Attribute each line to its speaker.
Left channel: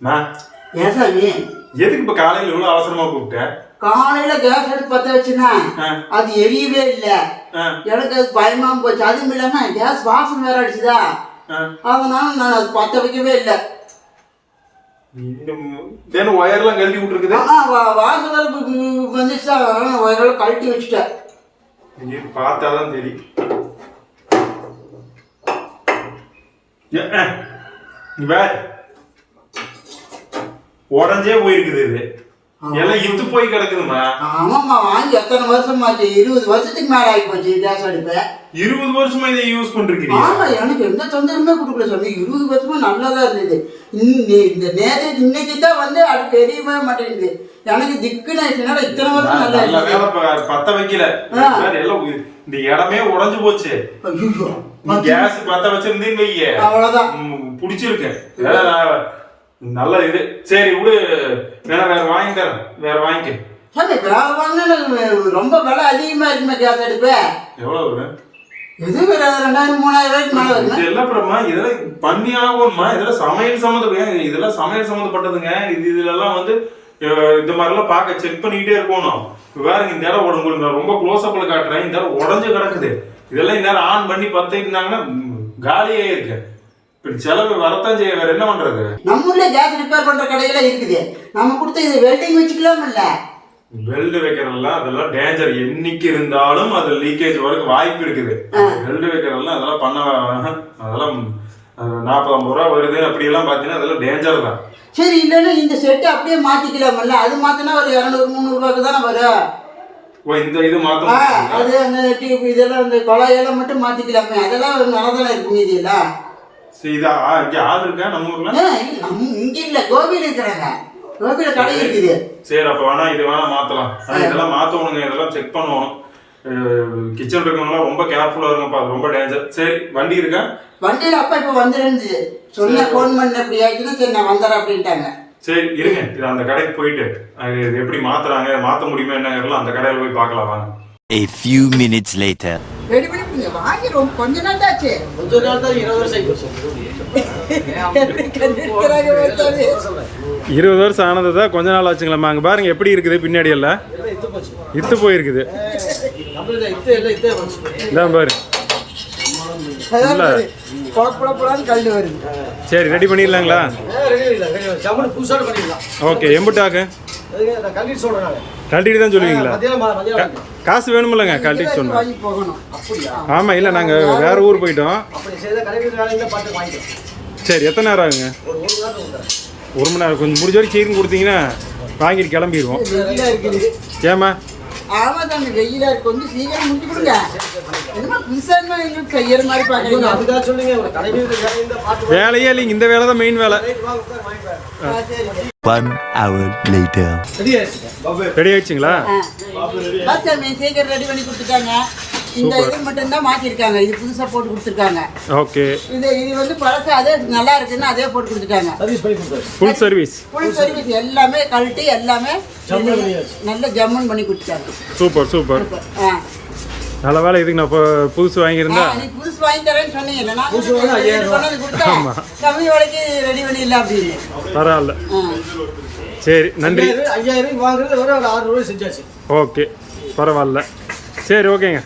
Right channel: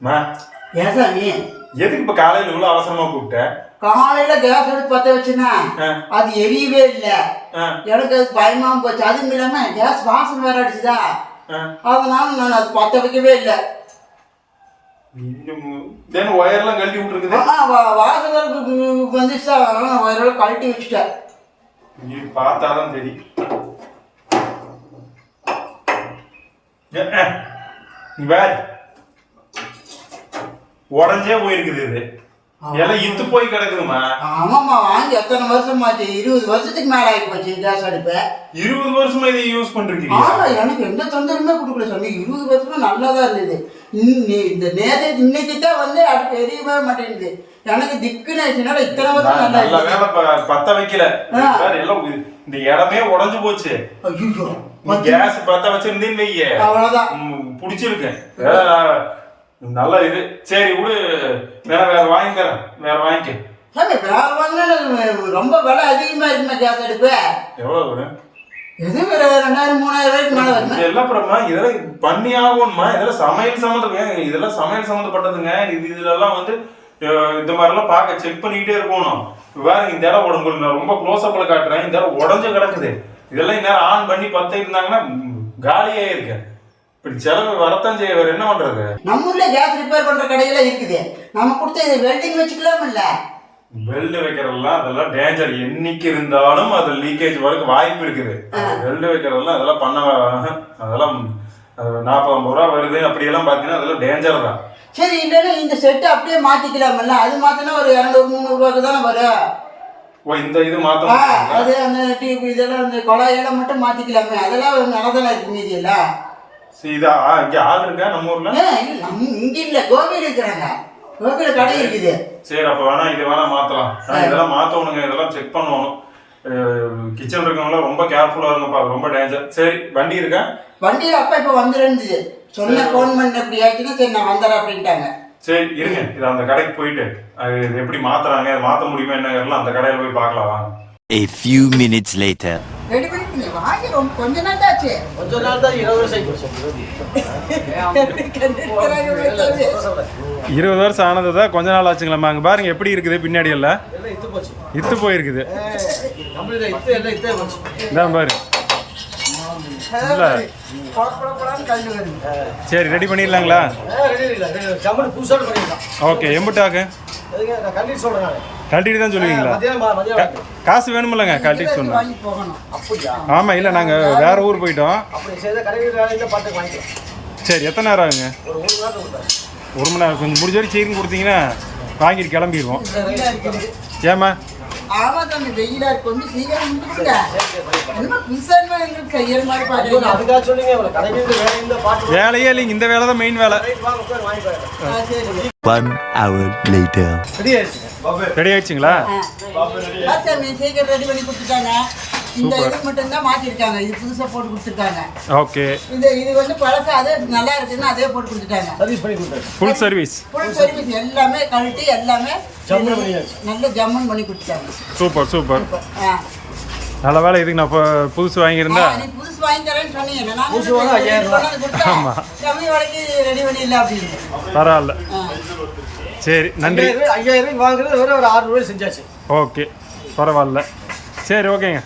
Speaker 1: நான்
Speaker 2: ஏசாமி
Speaker 1: எதுக்கு இப்ப காலையில இவ்வளவு அவசரமா கூப்பிட்ட?
Speaker 2: காலையில கேஸ் அடுப்பு பத்த வச்சுனா
Speaker 1: ஆ.
Speaker 2: அது எரியவே இல்லை. எனக்கு அது பயமா போச்சு. அதுவும் இல்லாம கேஸ் வாசம் வேற அடிச்சுதா. அதனால நான் அது பத்த வைக்கவே இல்லை.
Speaker 1: தென் ஒயர்லாம் கழட்டி விட்டுருக்குது?
Speaker 2: வாசம் வேற வந்துச்சு அதனால நான் ஒயரெல்லாம் கழட்டி வச்சுட்டேன்.
Speaker 1: நீ பார்த்தாதான் தெரியும். நீ பாரு. உடஞ்சே போயிருக்குது இது. எல்லாம் இத்து போய் கிடக்குதுமா
Speaker 2: ஆமாம்மா வாங்கி எத்தனை வருஷம் ஆச்சு? இருபது வருஷத்துக்கு மேல ஆகி போச்சு கேஸ் அடுப்பு.
Speaker 1: இருபது வருஷமா இதை யூஸ் பண்ணிருக்கீங்க
Speaker 2: ஆமா எனக்கு எந்த தொந்தரவுமே கொடுக்கல சொன்னி இருபது வருஷமா நல்லா தான் இருந்தது இந்த நேரத்தை இன்னைக்கு தான் வந்து அடுப்பு எரியவே மாட்டேங்குது. எனக்கு திக்குன்னு ஆயிடுச்சுனால இத்தனை வருஷம் நல்லா
Speaker 1: வேலை பத்த வைக்கல. எல்லாம் இந்த இடமே உடைஞ்சு போச்சு.
Speaker 2: ஐயோ
Speaker 1: கேஸ் பத்த வச்சிருந்தீன்னு வையே.
Speaker 2: அவ்வளவுதான்.
Speaker 1: பிடிச்சிருக்கு நல்ல இது. சரி விடு. வேணா வேற வாங்கி தரேன். வேற வாங்கிக்க
Speaker 2: வேற ரொம்ப விலை அதிகமா இருக்குமே கேஸ் அடுப்பு.
Speaker 1: எவ்வளவு வரும்
Speaker 2: எது ஒரு ரெண்டாயிரம் மூணாயிரம் ரூபாய்க்கு மேல வருமே.
Speaker 1: இதெல்லாம் அப்புறமா இதெல்லாம் பண்ணி ஆகணுமா இதெல்லாம் சமையல் சம்மந்தம் இதெல்லாம் சமையல் சம்மந்தப்பட்டதுங்க. இது இதுலலாம் வந்து இந்த மாதிரிலாம் பார்க்க செக் பண்ணிக்கிட்டே இருக்கணும். பாருங்க இந்த இடம் உடம்பு நான் ரொம்ப க்ளோஸ் அப்ல காட்டுறேன். இந்த இடம் உடஞ்சு கிடக்குது. இதெல்லாம் இன்னும் ஆன் பண்ணி பத்திருந்தாங்கன்னா காலியே இருக்கு இப்ப செலவு வரத்தான் செய்ய வேற என்ன பண்றது?
Speaker 2: நம்ம ஊர்ல கேஸ் ரிப்பேர் பண்ற கடையெல்லாம் இருக்குது. நம்ம கொடுத்த இது வெல்டிங் வச்சுக்கலாம் இல்ல
Speaker 1: வெல்டு வைக்கிறதெல்லாம் அதெல்லாம் டேஞ்சர் என்னைக்கு இருந்தாலும் அது லீக்கேஜ் வரக்கு வாய்ப்பு இருக்குது. வெல்டு வைக்கிறதெல்லாம் அதெல்லாம் பண்ண அதெல்லாம் அது நாற்பது ஐம்பது ரூபா வருது அப்படியெல்லாம் பார்த்தீங்கன்னா அதெல்லாம் டேஞ்சர் தான்.
Speaker 2: சரி இல்லைன்னா இந்த செட்டு அப்படியே மாத்திக்கலாம்ல. அது மாத்தினா ஒரு இரநூறு முந்நூறு ரூபாய்க்கு தானே வரும்.
Speaker 1: ஓ இந்த இது முடியுமா?
Speaker 2: அது அந்த டியூப் இதெல்லாம் அந்த குழாயெல்லாம் மட்டும் மாத்திக்கலாமே. அதெல்லாம் நல்லா தானே இருக்கு மீதி இல்ல
Speaker 1: சரி, இதா இங்க ஆள் இருக்கா நம்ம ஊர்ல?
Speaker 2: இங்க இல்ல கோபியில் இருக்கிறாங்க. கோபியில கடை இருக்குது.
Speaker 1: சரி அப்ப வேணா இது வேணா மாத்தலாம். ஆனா இதெல்லாம் மாத்தணுங்க இதெல்லாம் செக் பண்ணணும். கிச்சன் இருக்கவங்களாம் ரொம்ப கேர்ஃபுல்லா இருங்கப்பா அது ரொம்ப டேஞ்சர் சரி வண்டி இருக்கா?
Speaker 2: வண்டியில் அப்பா இப்போ வந்துருந்துச்சு. சொன்ன ஃபோன் பண்ண எப்படி ஆச்சுன்னா சரி நான் வந்துடுறேன் அப்படின்ட்டாங்க.
Speaker 1: சரி இருங்க. இது அந்த கடைக்கு போயிட்டு அது எப்படி மாத்துறாங்க மாத்த முடியுமா என்ன அந்த கடையில போய் பார்க்கலாம் வாங்க.
Speaker 3: A few minutes later.
Speaker 2: கொஞ்ச நாள் தான் ஆச்சு
Speaker 4: கொஞ்ச நாள் தான் இருபது வருஷம்.
Speaker 1: இருபது வருஷம் ஆனது தான் கொஞ்ச நாள் ஆச்சுங்களா அங்கே பாருங்க எப்படி இருக்குது பின்னாடி எல்லாம்
Speaker 4: இத்து போச்சு
Speaker 1: இத்து போயிருக்குது இதான் பாரு சரி ரெடி பண்ணிடலாங்களா ஓகே எம்புட்டாக்கு
Speaker 4: நான்
Speaker 1: கழட்டிட்டு தான் சொல்லுவீங்களா. காசு வேணுமில்லங்க கழட்டிட்டு சொன்னேன்
Speaker 2: வாங்கி போகணும்.
Speaker 4: அப்படியா?
Speaker 1: ஆமாம் இல்லை நாங்கள் வேற ஊர் போயிட்டோம். சரி எத்தனை நேரம் ஆகுங்க?
Speaker 4: ஒரு ஒரு மணி
Speaker 1: நேரம் கொஞ்சம் முடிஞ்ச வரைக்கும் சீக்கிரம் கொடுத்தீங்கன்னா வாங்கிட்டு கிளம்பிடுவோம். ஏமா வேலையே இல்லைங்க. இந்த வேலை தான் மெயின் வேலை.
Speaker 3: One hour later.
Speaker 4: ரெடி
Speaker 1: ஆயிடுச்சுங்களா
Speaker 2: பஸ் சீக்கிரம் ரெடி பண்ணி கொடுத்துட்டாங்க இந்த இது மட்டும் தான் மாத்திருக்காங்க. இது புதுசா போட்டு கொடுத்துருக்காங்க.
Speaker 1: ஓகே
Speaker 2: இது இது வந்து பழசு அதே நல்லா இருக்குன்னு அதே போட்டு கொடுத்துட்டாங்க
Speaker 4: சர்வீஸ் பண்ணி கொடுத்தாச்சு.
Speaker 1: ஃபுல் சர்வீஸ்
Speaker 2: ஃபுல் சர்வீஸ் எல்லாமே கழட்டி எல்லாமே. நல்ல ஜம்முன் பண்ணி கொடுத்தாங்க
Speaker 1: சூப்பர் சூப்பர். நல்ல வேலை இதுக்கு நான் இப்போ புதுசு வாங்கியிருந்தா?
Speaker 2: புதுசு வாங்கி தரேன்னு அப்படின்னு.
Speaker 1: பரவாயில்ல. சரி நன்றி.
Speaker 4: ஐயாயிரம் வாங்குறது ஒரு ஆறு ரூபாய் செஞ்சாச்சு.
Speaker 1: ஓகே பரவாயில்ல. சரி ஓகேங்க.